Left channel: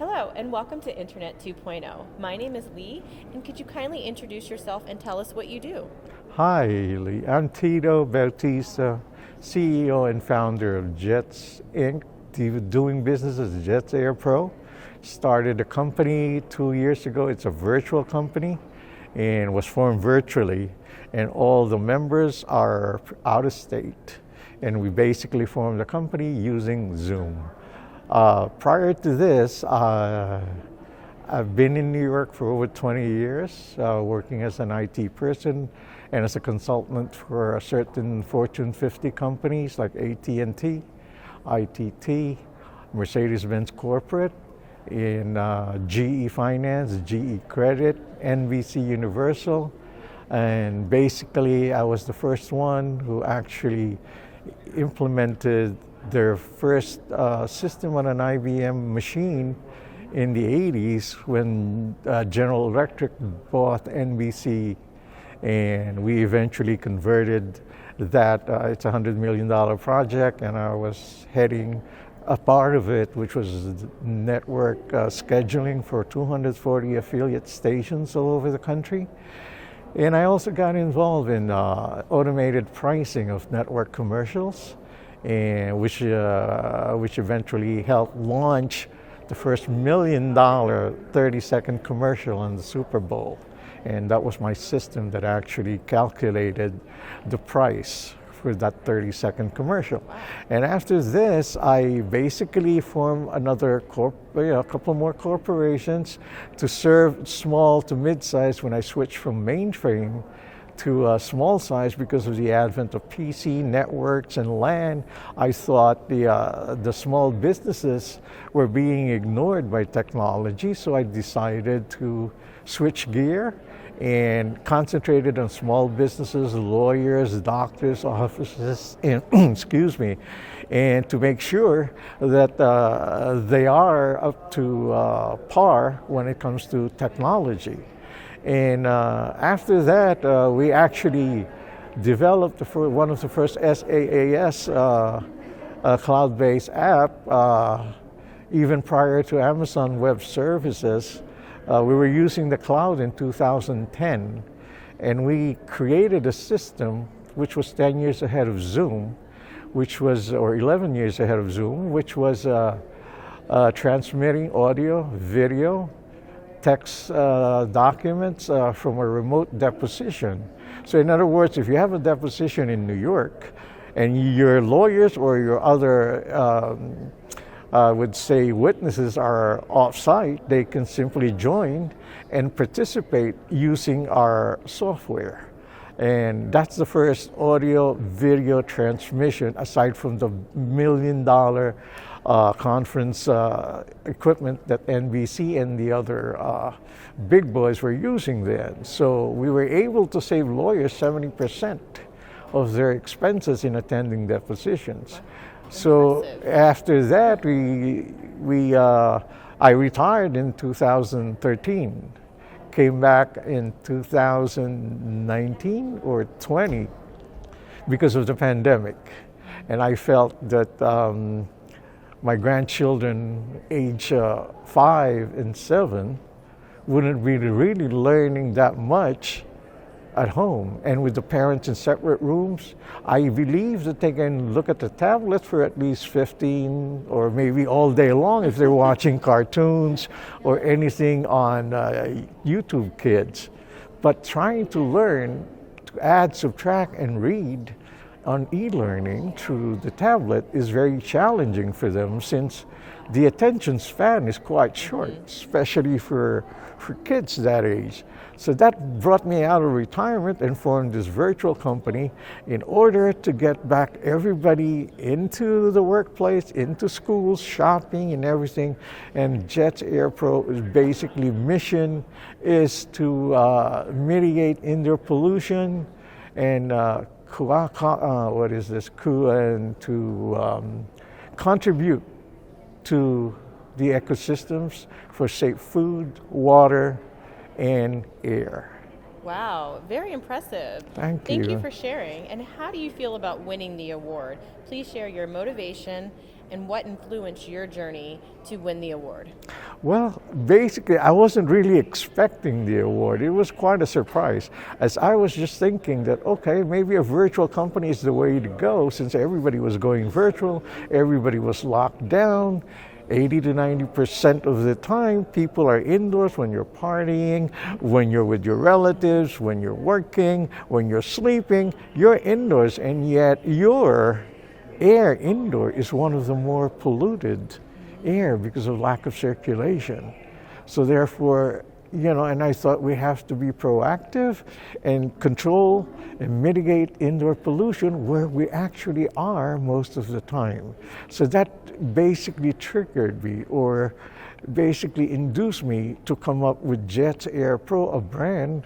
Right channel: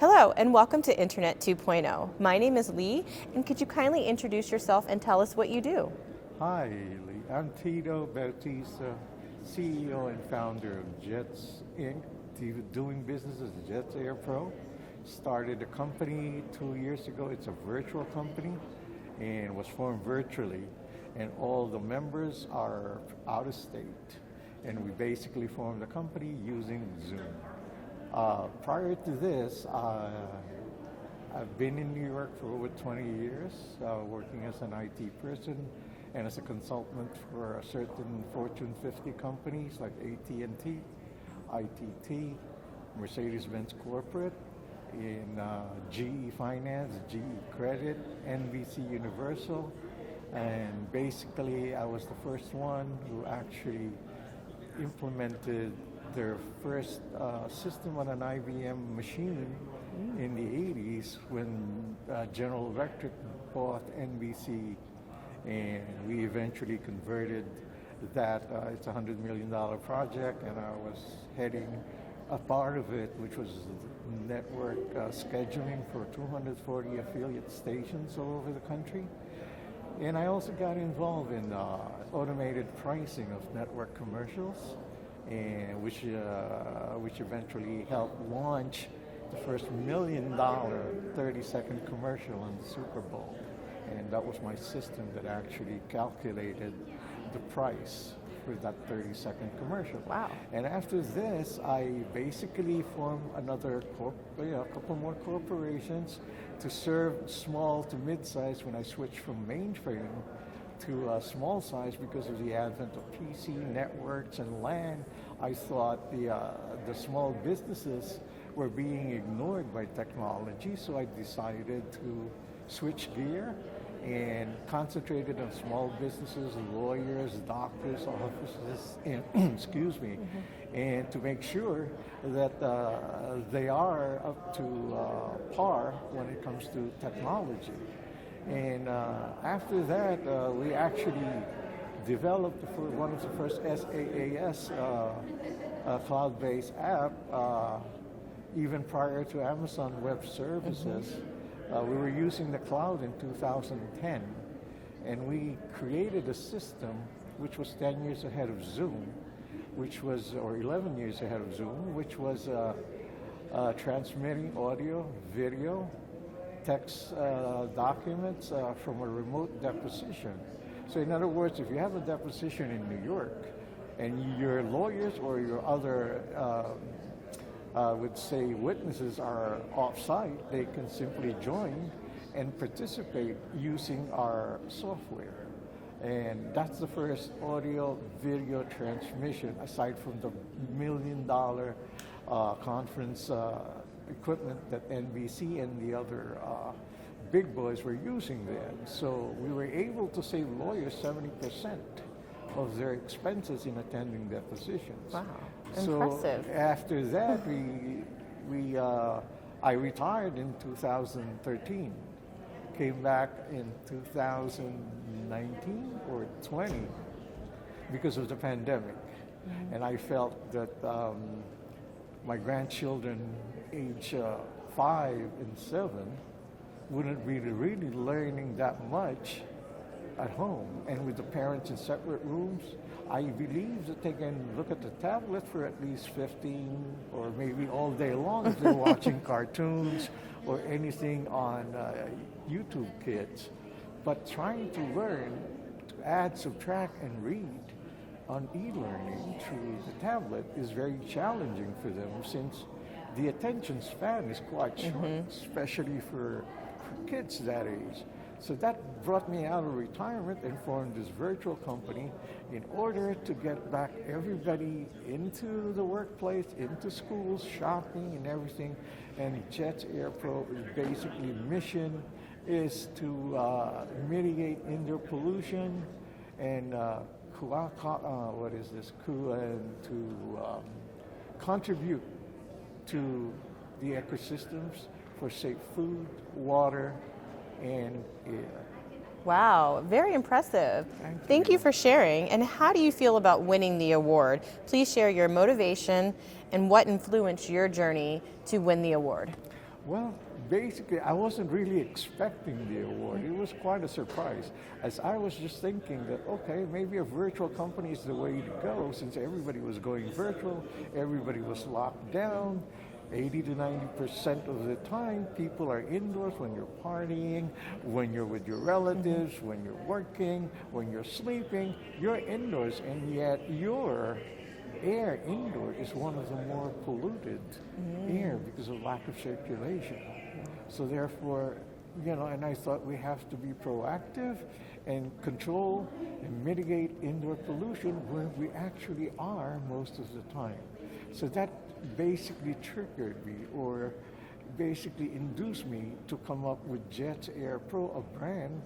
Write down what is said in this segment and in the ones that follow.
Hello and welcome to Internet 2.0. My name is Lee, and could you kindly introduce yourself and tell us what you do? Hi, Lee. I'm Tito Bautista, CEO and founder of Jets Inc., doing business as Jets Air Pro. Started a company 2 years ago. It's a virtual company and was formed virtually, and all the members are out of state. And we basically formed a company using Zoom. Prior to this, I've been in New York for over 20 years, working as an IT person and as a consultant for certain Fortune 50 companies like AT&T, ITT, Mercedes-Benz Corporate, in GE Finance, GE Credit, NBC Universal, and basically I was the first one who actually implemented their first system on an IBM machine in the 80s when General Electric bought NBC, and we eventually converted that. It's a $100 million project, and I was heading a part of it, which was network scheduling for 240 affiliate stations all over the country. And I also got involved in automated pricing of network commercials, and which eventually helped launch the first $1 million 30-second commercial on the Super Bowl. And that was my system that actually calculated the price for that 30-second commercial. Wow. And after this, I basically formed another a couple more corporations to serve small to mid-size when I switched from mainframe to small size because of the advent of PC networks and LAN. I thought the small businesses were being ignored by technology, so I decided to switch gear and concentrated on small businesses, lawyers, doctors, offices, and excuse me, and to make sure that they are up to par when it comes to technology. And after that, we actually developed one of the first SaaS cloud-based app, even prior to Amazon Web Services. We were using the cloud in 2010, and we created a system which was 10 years ahead of Zoom, or 11 years ahead of Zoom, which was transmitting audio, video, text documents from a remote deposition. So in other words, if you have a deposition in New York and your lawyers or your other would say witnesses are off-site, they can simply join and participate using our software. And that's the first audio video transmission aside from the $1 million conference equipment that NBC and the other big boys were using then. So we were able to save lawyers 70% of their expenses in attending depositions. Wow. So Impressive. after that, I retired in 2013, came back in 2019 or 20 because of the pandemic, and I felt that my grandchildren, age 5 and 7, wouldn't be really learning that much at home. And with the parents in separate rooms, I believe that they can look at the tablet for at least 15 or maybe all day long if they're watching cartoons or anything on YouTube Kids. But trying to learn to add, subtract, and read on e-learning through the tablet is very challenging for them, since the attention span is quite short, especially for kids that age. So that brought me out of retirement and formed this virtual company in order to get back everybody into the workplace, into schools, shopping, and everything. And Jets Air Pro is basically mission is to mitigate indoor pollution and to contribute to the ecosystems for safe food, water, and air. Wow, very impressive. Thank you you. for sharing. And how do you feel about winning the award? Please share your motivation and what influenced your journey to win the award. Well, basically, I wasn't really expecting the award. It was quite a surprise, as I was just thinking that, okay, maybe a virtual company is the way to go, since everybody was going virtual, everybody was locked down. 80 to 90% of the time, people are indoors when you're partying, when you're with your relatives, when you're working, when you're sleeping, you're indoors, and yet your air indoor is one of the more polluted air because of lack of circulation. So therefore, and I thought we have to be proactive and control and mitigate indoor pollution where we actually are most of the time. So that basically triggered me, or basically induced me to come up with Jets Air Pro, a brand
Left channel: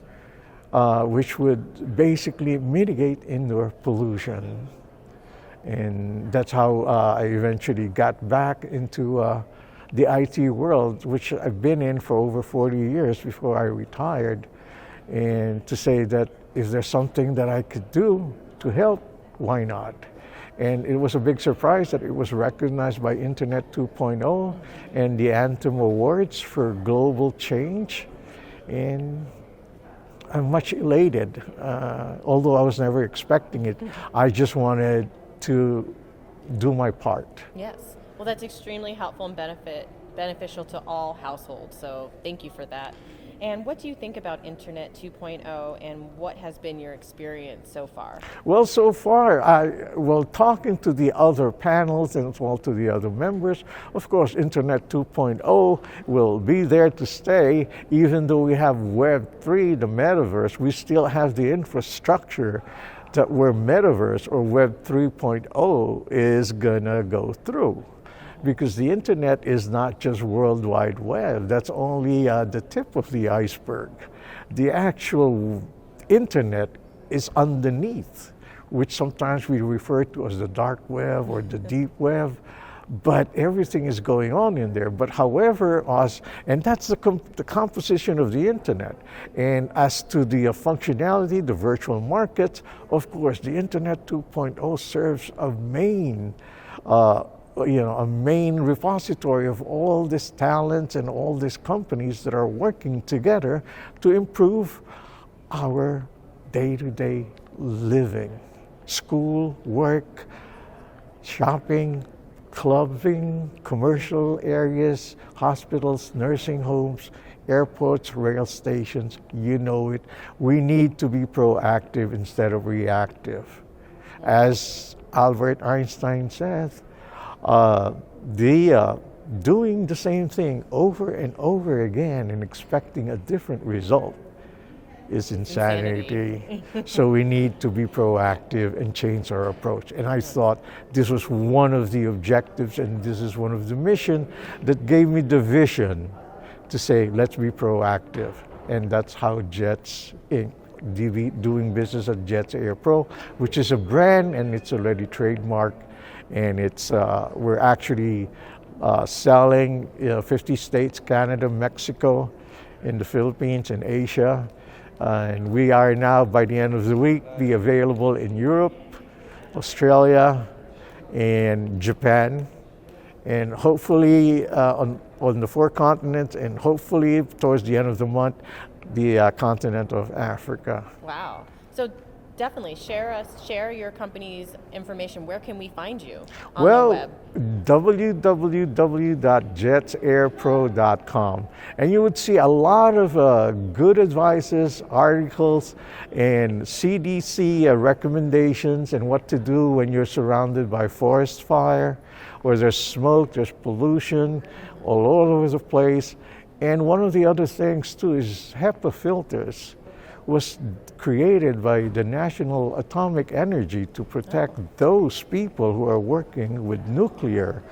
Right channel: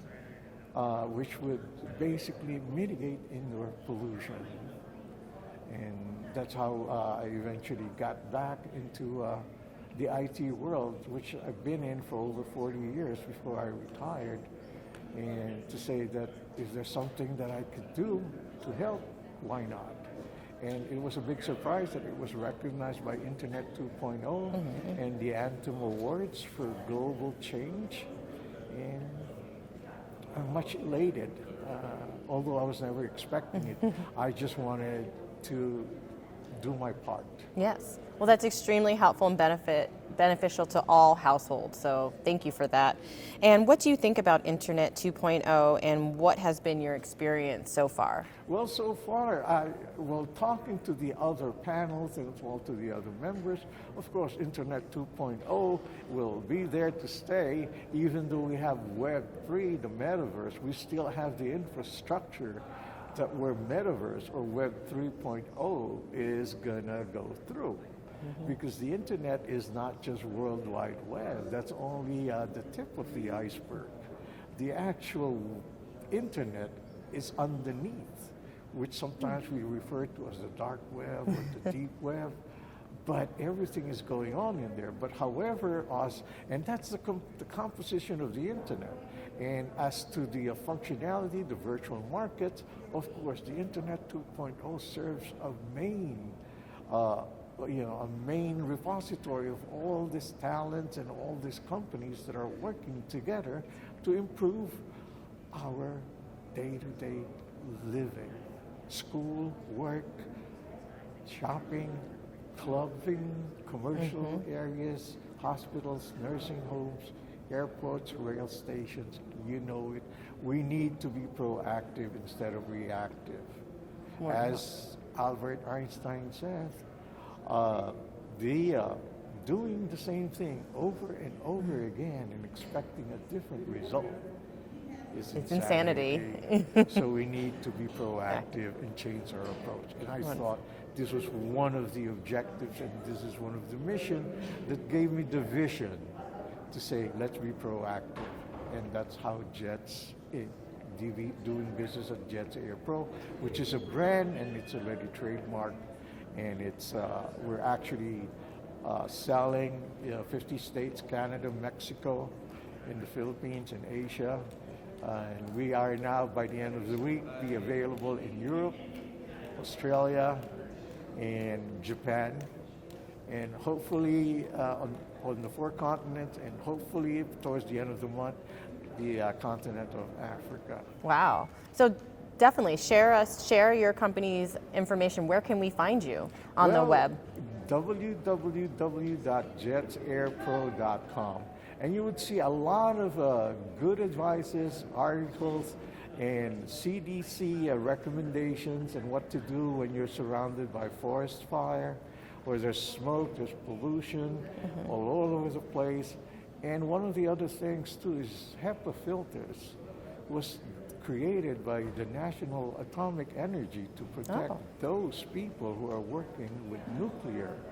which would basically mitigate indoor pollution. And that's how I eventually got back into the IT world, which I've been in for over 40 years before I retired. And to say that if there's something that I could do to help, why not? And it was a big surprise that it was recognized by Internet 2.0 and the Anthem Awards for Global Change. And I'm much elated, although I was never expecting it. I just wanted to do my part. Yes. Well, that's extremely helpful and beneficial to all households. So thank you for that. And what do you think about Internet 2.0 and what has been your experience so far? Well, so far, talking to the other panels and as well to the other members, of course, Internet 2.0 will be there to stay. Even though we have Web 3, the metaverse, we still have the infrastructure that where metaverse or Web 3.0 is gonna go through. Because the internet is not just World Wide Web, that's only the tip of the iceberg. The actual internet is underneath, which sometimes we refer to as the dark web or the deep web, but everything is going on in there. But however, and that's the composition of the internet. And as to the functionality, the virtual markets, of course, the Internet 2.0 serves a main repository of all these talents and all these companies that are working together to improve our day-to-day living, school, work, shopping, clubbing, commercial areas, hospitals, nursing homes, airports, rail stations, you know it. We need to be proactive instead of reactive. As Albert Einstein said, doing the same thing over and over again and expecting a different result is insanity. So we need to be proactive and change our approach. And I thought this was one of the objectives and this is one of the mission that gave me the vision to say, let's be proactive. And that's how Jets Inc. doing business at Jets Air Pro, which is a brand and it's already trademarked. And it's we're actually selling 50 states, Canada, Mexico, in the Philippines, and Asia. And we are now, by the end of the week, be available in Europe, Australia, and Japan. And hopefully on the 4 continents, and hopefully towards the end of the month, the continent of Africa. Wow. So definitely share your company's information. Where can we find you on the web? www.jetsairpro.com. And you would see a lot of good advices, articles, and CDC recommendations and what to do when you're surrounded by forest fire, or there's smoke, there's pollution all over the place. And one of the other things too is HEPA filters was created by the National Atomic Energy to protect those people who are working with nuclear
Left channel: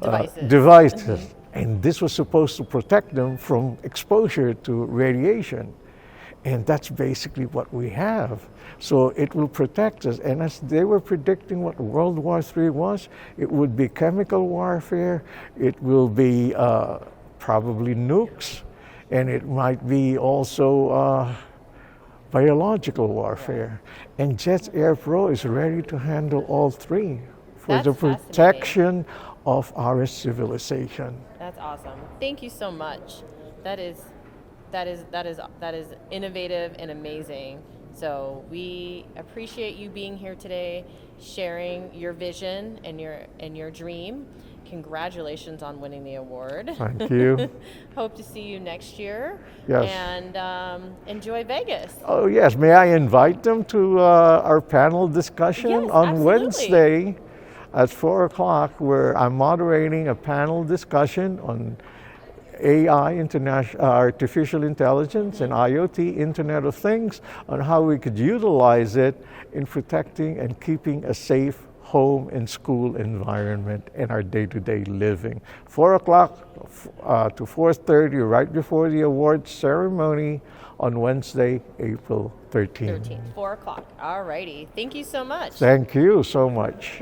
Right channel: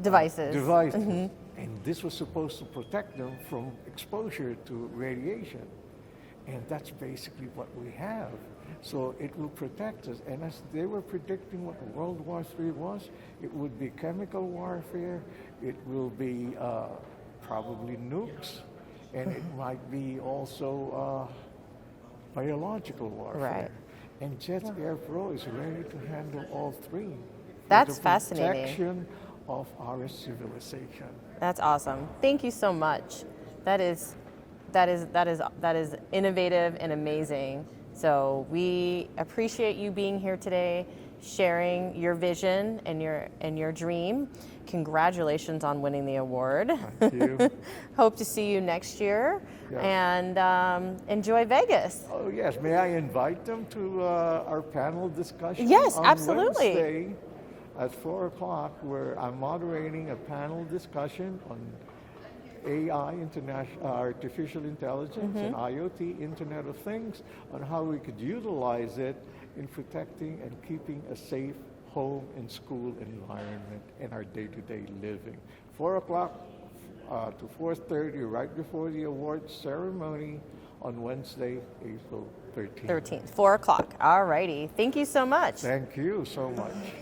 devices. And this was supposed to protect them from exposure to radiation. And that's basically what we have. So it will protect us. And as they were predicting what World War III was, it would be chemical warfare, it will be probably nukes, and it might be also biological warfare. And Jets Air Pro is ready to handle all three for That's the fascinating. protection of our civilization. That's awesome. Thank you so much. That is innovative and amazing. So we appreciate you being here today, sharing your vision and your dream. Congratulations on winning the award. Thank you. Hope to see you next year. Yes. And enjoy Vegas. Oh yes, may I invite them to our panel discussion Yes, on absolutely. Wednesday at 4 o'clock, where I'm moderating a panel discussion on AI, artificial intelligence, and IoT, Internet of Things, on how we could utilize it in protecting and keeping a safe home and school environment in our day-to-day living. 4 o'clock to 4:30, right before the awards ceremony on Wednesday, April 13th. 13th, 4 o'clock. All righty. Thank you so much. Thank you so much.